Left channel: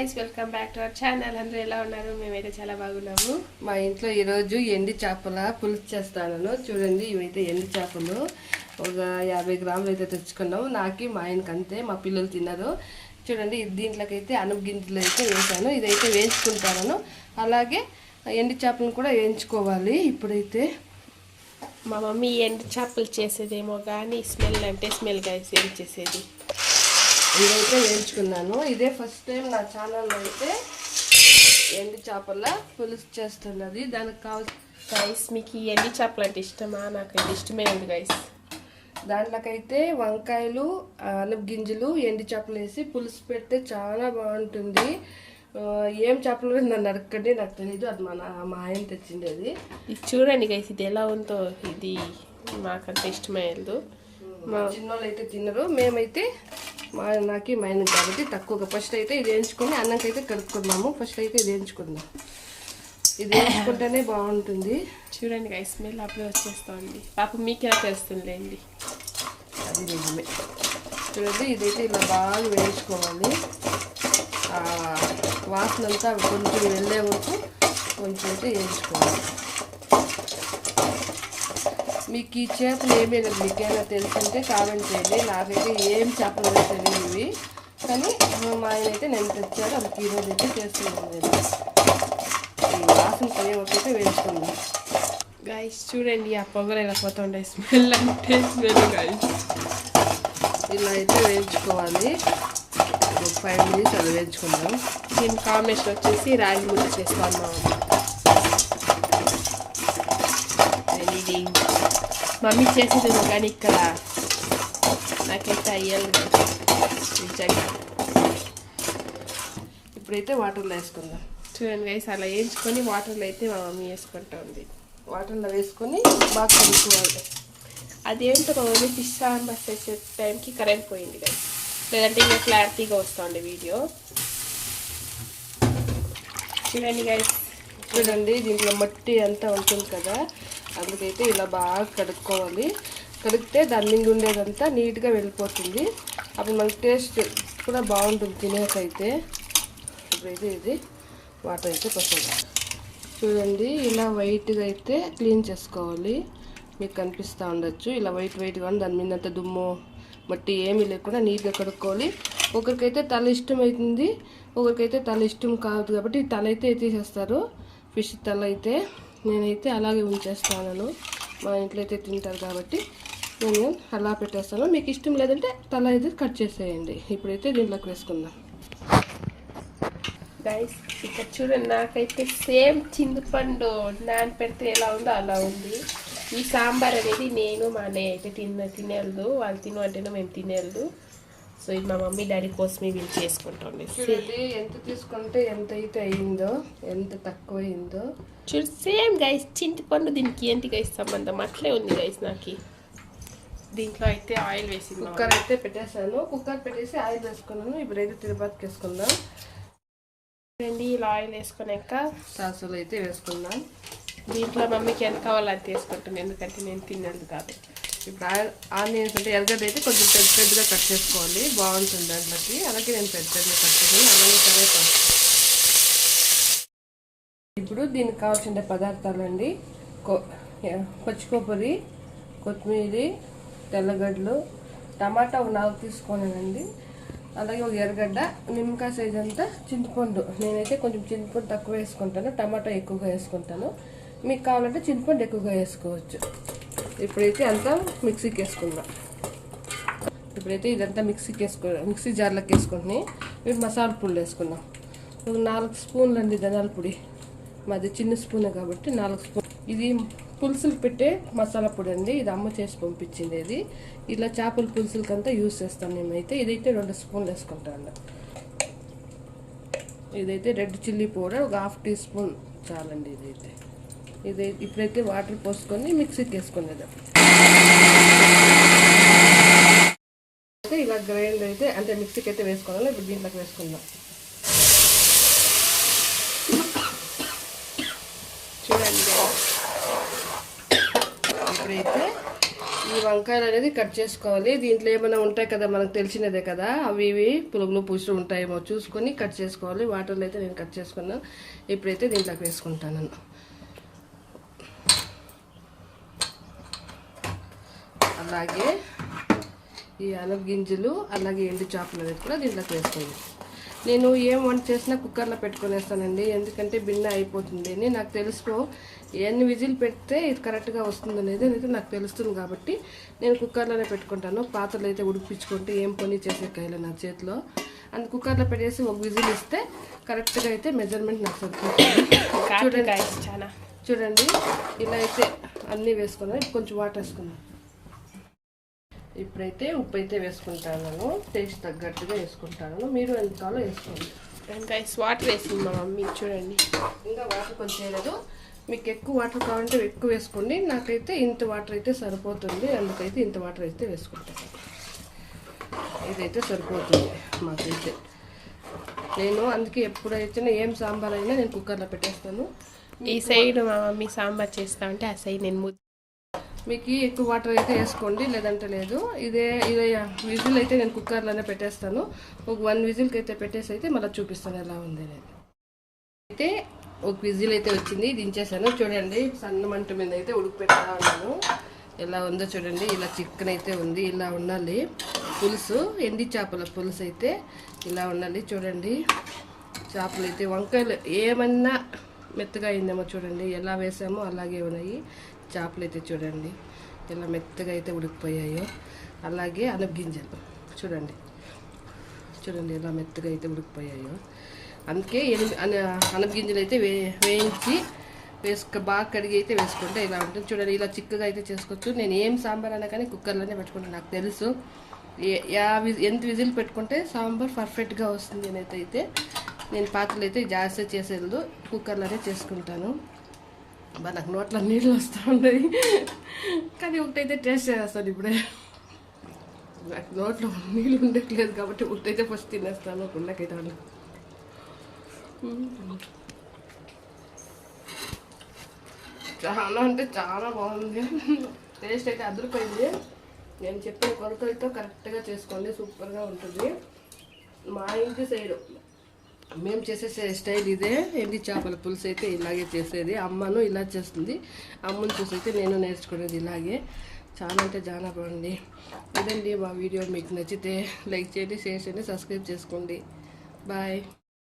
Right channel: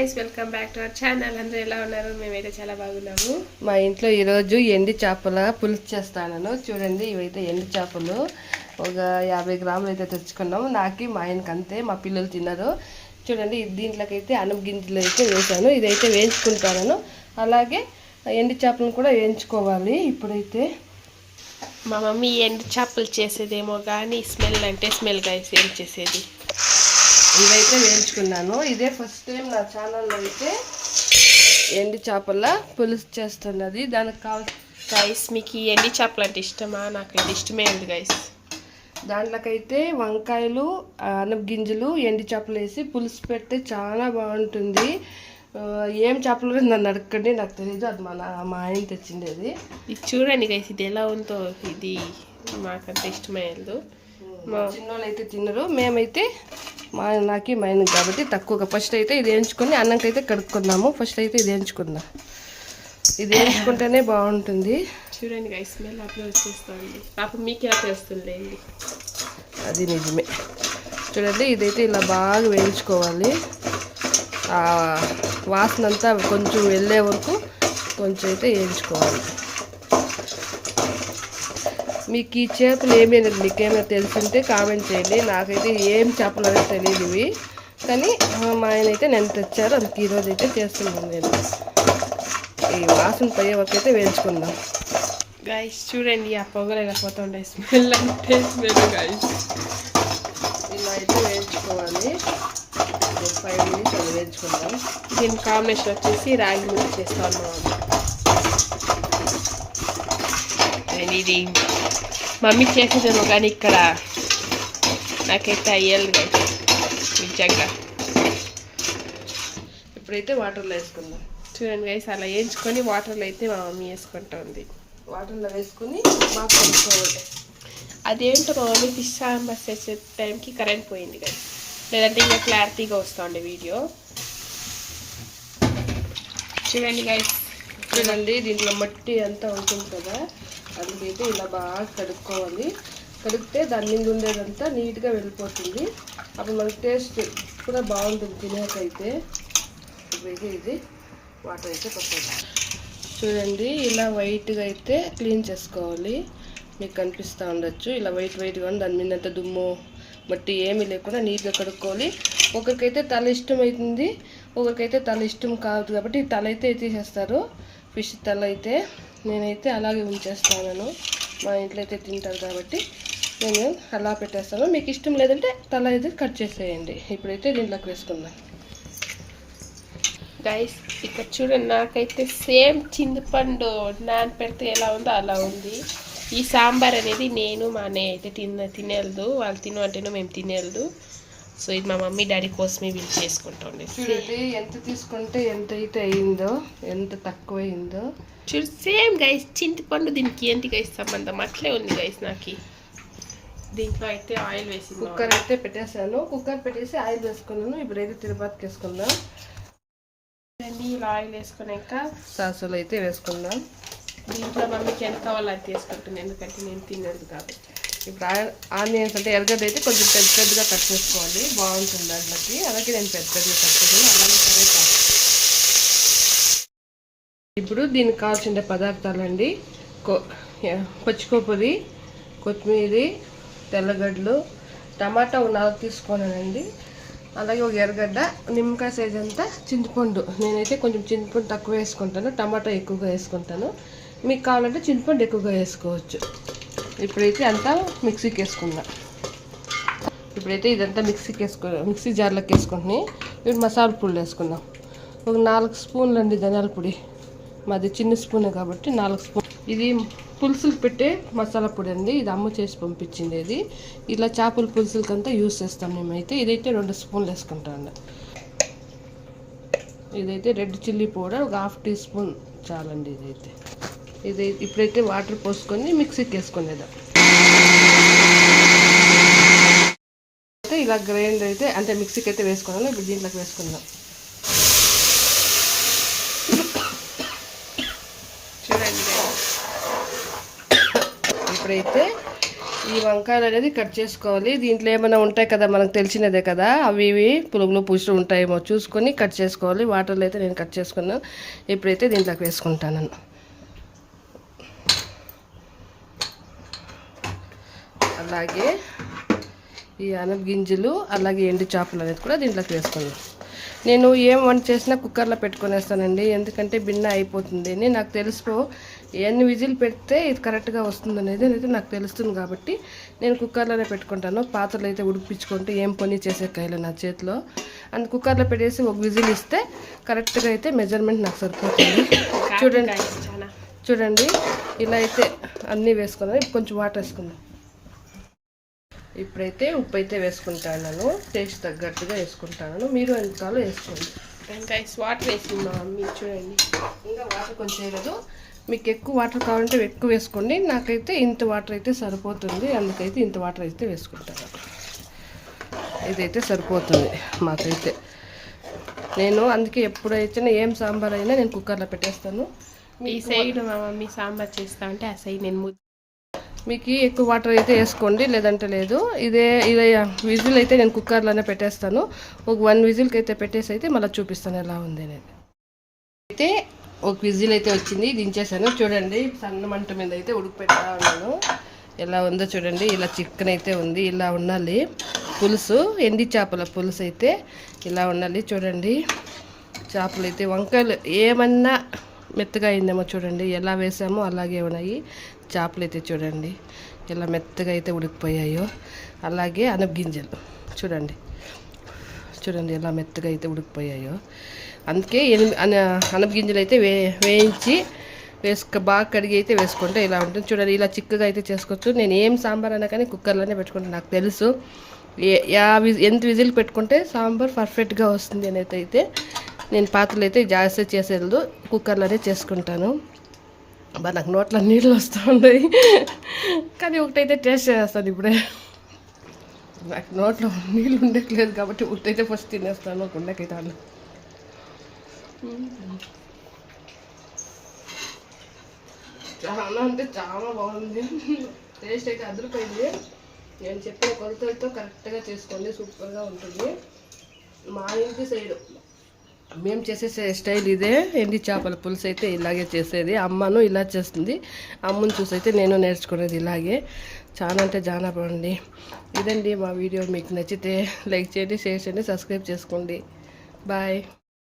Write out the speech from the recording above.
Welcome back to our channel అందరూ ఎలా ఉన్నారు? మేమైతే చాలా బాగున్నాము. మా ఇంట్లో ఈరోజు ఎండి చేపల పులుసు చేస్తాను చూడండి ఇవైతే ఎండి చేపలు. ఒక యాభై గ్రాములు అయితే తెచ్చుకున్నాము. నాకు మా ఆయనకి అంతే మా పిల్లలు తిన్నారు. చూడండి దీంట్లోకైతే అన్నం గింజలు అయితే వేసాను ఇదైతే వేయించుకుంటాను అలాగే ఎండి చేపలను కూడా వేయించుకోవాలి ఇప్పుడైతే. మా మమ్మీ ఎండు చేపలు చేసేదేమో కానీ స్మెల్ అంటే స్మెల్ గైస్ ఏం చేసేది? ఇదైతే వేయించుకున్నాను. ఇదే ఫస్ట్ టైం నా ఛానల్లో అయితే ఎండి చేపల పులుసు చేస్తున్నది. దానికి కావాల్సిన గైస్ మీకు ఈ ఎండి చేపలు అంటే ఇష్టమా? నాకు ఇది ఇష్టమే ఉంది గైస్ దాంట్లోకైతే వంకాయలు అనప గింజలు ఎండి చేపలు వేసి పులుసు పెడితే చాలా బాగుంటుంది. ఏం చేపలు నన్ను అడగండి నాకు తెలియదు అది మా నా- మా ఆయన తెచ్చింది అది ఇది చూడండి గైస్ ఇది ఎలా ఉందో. ఇది మాకంత ఇష్టమయ్యేది. మా చిన్నోళ్ళు అయితే తినరు. మేమైతే మా నాకు మా ఆయన కాబట్టి తక్కువగా. ఫస్ట్ అయితే ఇది వేయించుకొని అన్నంకైతే కడుక్కుందాము. ఫస్ట్ అయితే ఇది వేయించుకుందాం. ఇది వేయించుకుంటేనే బాగుంటుంది. చూడండి గైస్ స్మెల్ అట్లా వచ్చేస్తుంది. పాప మీకు ఎలా తెలుస్తుందిలేండి అది నిజమే. చూడండి ఇదైతే ఇలా బాగా వేయించుకోవాలి. ఆ వాసన అంతా కొంచెం వెళ్ళే వరకు కొంచెం అయితే వేయించుకోవాలి. మీకు ఈ చేపలు ఏమైనా మీకేమైనా తెలిసింటే కామెంట్ చేయండి. నాకైతే ఏం చేపలు అనేది తెలియదు ఇవి. కానీ మా ఆయన అయితే నేను తెచ్చారు అందుకు ఈరోజు అయితే చేస్తున్నాను నేను. ఈ వాసన పోయే వరకు అయితే వేయించుకుందాం. గైస్ చూడండి ఆ పొగలు ఎలా పోతుండే స్మెల్ అంటే స్మెల్ గైస్ ఇలా అయితే వేయించుకోవాలి. ఫైవ్ మినిట్స్ అలా వేయించుకుందాం. దీని కాంబినేషన్ వచ్చేసి రాగి ముద్ద చేస్తాను అండ్ ఇది మమ్మీ చేసేదేమో కానీ ఇక్కడ నాకైతే అయ్యాలి నిజంగా ఇప్పుడైతే వాటర్లో వేసుకుందాం చూడండి గైస్ అలా వేయించుకొని వాటర్లో అయితే మా మమ్మీ వేసుకుంటా ఉంది వాటర్లో వేసుకొని బాగా కలుపుకోవాలి అదేంటో మా మమ్మీ ఫిష్ సాంబార్ చేసే టైంకి కరెంట్ పోయింది గైస్ లేదంటే ఇంకా క్లారిటీగా వస్తుంది వీడియో చూడండి గైస్ చూడండి దీంట్లో మట్టి అంతా ఉంటుంది కదా అందుకైతే ఇలా బాగా కడుక్కోవాలి. కడిగితే దాని మీద ఉండేదంతా నీట్గా వెళ్ళిపోతుంది. అప్పుడు మనకి టేస్ట్ కూడా బాగుంటుంది తినేకైతే. ఇప్పుడైతే ఇది వాటర్ అయితే పక్కన చూడండి ఇలా వైట్గా అయితే క్లీన్ చేసుకోవాలి. మీకు కనిపిస్తూ ఉండొచ్చు. ఇలా వైట్ వైట్గా ఉంది దాని మీద అంత దుమ్ము మట్టి ఏమీ లేకుండా నీట్గా కడుక్కోవాలి. ఒకరికైతే తల ఇష్టం అవుతుంది ఒకరికైతే తల ఇష్టం కాదు కాబట్టి తల అయితే తీసేస్తారు ఫిష్ తల అయితే. నేనైతే అలాగే ఉంచేస్తాను. మా ఇంట్లో అయితే తింటారు కాబట్టి నేను అలా పెట్టేస్తాను. మీకు ఇష్టం లేదంటే తల అయితే కట్ చేసేయండి. ఇప్పుడైతే దీంట్లోకి వేసుకుందాం. గైస్ ఇక్కడ చూడండి నాకైతే సేమ్ చింతపండు నాన్ పెడితే ఎలా ఉందో అలా ఉంది. ఈ సాంబార్ అనేది నేను మా అన్నయ్య అయితే తిన తినేయలేదు వాళ్ళు తిను అంటేనే మేము తినేయలేదు సో ఇది మా మమ్మీ డాడీ కోసమే వీళ్ళు చేసుకుంటాం ఎంత తీసుకుంటే ఎంత అయితే అయిందో ఎంత తక్కువ అయిందో చూడు సేమ్ గైస్ చింతపండు దీనికి ఏంటి గైస్ సంబంధం? అట్లే ఉంది గైస్ నాకు. దీంట్లో అయితే ఆయిల్ వేసి కుక్కర్ అయితే పెట్టేశాను. కుక్కర్ పెట్టేసి ఆయిల్ వేసుకున్నాను. ఇప్పుడైతే తిరుపతికి వేసుకుందాం. ఇలా ఆయిల్ వేసుకున్నాక? సాసులు అయితే వేసుకుందాం. దీంట్లో మమ్మీకి ఎంత కావాలో అది తీసుకుంటాను ఎందుకంటే నేను తినేది కాబట్టి ఇప్పుడు ఆనియన్స్ అంటే ఎర్రగడ్డ అయితే కొంచెం పెద్ద పెద్దగా కట్ చేసుకోవాలి. బాగుంటుంది దాంట్లోకి అలాగే నేను పెద్ద పెద్దగా కట్ చేసాను అలాగే కరేపాకు ఇప్పుడు దీనికి కావాల్సిన పదార్థాలండి. కొ పచ్చికొబ్బరి కొత్తిమీర తెల్లగడ్డలు టమాటా ఒక నాలుగు తీసుకున్నానండి అలాగే ఒక ఎర్రగడ్డ నిమ్మకాయ సైజ్ అంతా చింతపండు. నేనైతే కొంచెం చింతపండు తక్కువ వేసుకుంటాను టమాటా ఎక్కువగా వేసుకుంటాను. మీకు కావాలంటే చింతపండు ఎక్కువగా వేసుకోవచ్చు. ఇప్పుడైతే అంతా మిక్సీకి వేసుకుందాం ఇప్పుడైతే ఇదంతా మిక్సీకి వేసుకో మిక్సీ జార్లోకి వేసుకుంటున్నాయి. ఇప్పుడు మసాలా పొడి వేసుకుందాం. ఒక నాలుగు స్పూన్లు అండి ధనియాల పొడి. మాది చిన్న స్పూనే కాబట్టి నాలుగు స్పూన్. ఇది పులుసులు పెట్టే మసాలా పొడి అండి. ఇది అమ్మ చేసి పంపించింది ఇది. ఇలా చేపల పులుసులకంతా యూస్ చేస్తాం మేమైతే. ఇదైతే రెండు స్పూన్లు వేసుకుంటాం ఇదైతే రెడ్ చిల్లీ పౌడర్ ఒక హాఫ్ టీ స్పూన్ చాలండి ఇదైతే. ఇది ఇప్పుడైతే వాటర్ పోసుకొని మిక్సీకి వేసుకునేదాం అయితే ఇలా గ్రైండ్ అయితే అంటే మిక్సీకి అయితే వేసుకోవాలి. ఇప్పుడు దీంట్లోకి వేసుకుందాం చూడండి ఇప్పుడైతే ఈ వంకాయలు అనేది కట్ చేసుకోవాలి దీంట్లో ఏమైనా ఉంటాయి కదా మనకు తెలిసినదే కదా అవి ఇవి పురుగులు పూసులు ఉంటాయేమో చూసుకొని కట్ చేసుకోవాలి. వాటర్లో అయితే నేను కట్ చేసుకున్నాను ఇప్పుడైతే దీంట్లోకి వేసుకుంటాను. అలాగే ఈ అనగ గింజలు అలాగే ఎండు చేపలు అనేది కూడా దీంట్లోకి వేసుకున్నాను. నేను ఏం వంట చేసినా కుక్కర్లో పెట్టుకొనేస్తానండి ఎందుకంటే బిన్న అయిపోతుంది అని నాకు తెలుసుకో ఎన్ని విజిల్ పెడితే ఇది కరెక్ట్గా వస్తుంది అనేది అనేది నాకు తెలుస్తుంది కాబట్టి నేను కుక్కర్లోనే పెట్టుకుంటాను. పాత్రలు అయితే ఉడిపించుకుంటే ఏం పని చేసే కాయలు నా చేతిలో. అందు కుక్కర్లో పెట్టేసి ఒక విజిల్ ఇస్తే కరెక్ట్గా అయితే మెజర్మెంట్ నాకు సరిపోతుంది. చూడండి. చాలా. చూడండి. ఇలా అయితే అన్నీ వేసుకున్నాను. ఇప్పుడు కొంచెం వాటర్ వేసుకుందాం. ఇప్పుడైతే ఉప్పు అయితే వేసుకుంటాను. టేస్ట్ తగ్గట్టుగా వేసుకుంటాను. మీరు ఎంతకాలో వేసుకోండి. గైస్ వాటర్ వేసింది మా మమ్మీ. చూడండి. ఇంకా వాటర్ కొంచెం వేయలేదు. మీకు ఎక్కువ వాటర్ కావాలంటే ఎక్కువ వేసుకోండి. నాకైతే ఇంత వాటర్ అయితే సరిపోతుంది. అందుకైతే ఇంత వాటర్ అయితే వేసుకుంటాను ఇదైతే సరిపోతుంది మాకైతే. నేను అందుకే ఎప్పుడైతే ఏం సాంబార్ అయినా నేను కుక్కర్లో పెట్టేస్తాను. ఈ సైడ్ మా మమ్మీ సాంబార్ చేస్తా ఉంటే ఆ సైడ్ నేను మీకు ఎక్కువ వాటర్ అయితే వేసుకోండి. లేదంటే లేదు. ఇదే ఇదే విజిల్ అయితే నేను కుక్కర్లోనే పెట్టేస్తాను. ఒక వన్ విజిల్కి అయితే పెట్టేసి అయితే మళ్ళీ చూపిస్తాను ఎలా ఉంది అనేది. అయితే ఒక విజిల్ అయితే వచ్చింది దించేసాను చూడండి సన్న మంట మీద అయితే ఉడుకు ఉన్నాను. ఎలా ఉందో చూడండి ఇలా చికెన్ అయితే ఉంది ఇలా ఉండాలి. పులుసు ఎండి చేపల పులుసు అయితే ఇలా ఉండాలి. చూడండి చేపలు అయితే వంకాయలు ఏమన్నా మెత్తగా అయిందేమో చూడండి ఎలా వేసామో అలాగే ఉన్నాయి. చేపలు అయితే చూడండి ఎలా మెత్తగా అయితే ఉడికిపోయాయో. అలాగే అనప గింజలు చూడండి. చూడండి ఎలా మెత్తగా అయితే ఉడికిపోయాయో. అందుకే ఎనిమిది అన అయితే వే వేయించి వేసుక బాగా కడిగి అయితే వేసుకుంటే ఇలా ఉంటుంది. చూడండి ఇలా చిక్కగా అయితే చేసుకోవచ్చు. నేను ఏం సాంబార్ అన్నా కానీ కుక్కర్లోనే పెట్టుకుంటాను. నాకు తెలుసు. ఏ యా ఎంత విజిల్ పెట్టుకుంటే సాంబార్ పర్ఫెక్ట్గా వస్తుంది అనేది అయితే నేను పాత్రలు అయితే జాస్తి చేసేది కుక్కర్లోనే చేసుకుంటాను. బా నాకు నోట్లో నీళ్ళు వస్తూ ఉన్నాయి. కానీ ఒకటైతే టేస్ట్ చేస్తాను ఇప్పుడే. నాకు నోట్లో నీళ్ళు ఉండట్లేదు కాబట్టి ఒకటైతే ఫస్ట్ తినేస్తాను ఒక ఉండకైతే చాలా అంటే చాలా బాగుంది. టేస్ట్ అయితే అదిరిపోయింది. నేను చెప్పిన కొలతలతో కరెక్ట్గా చేసుకోండి. సూపర్గా ఉంటుంది. మా ఇంటి సైడ్ మేము చేసే స్టైల్ ఇదే. ఎండి చేపల పులుసు అయితే ఇలాగే చేసేది. అమ్మను ఇలా చేస్తుంది. అమ్మను చూసి అయితే నేను నేర్చుకునేది ఇలాగే. చాలా అంటే చాలా బాగుంది. ఇదండి మా వీడియో. మీకు నచ్చితే లైక్ చేయండి షేర్ చేయండి సబ్స్క్రైబ్ చేసుకోండి. బాయ్.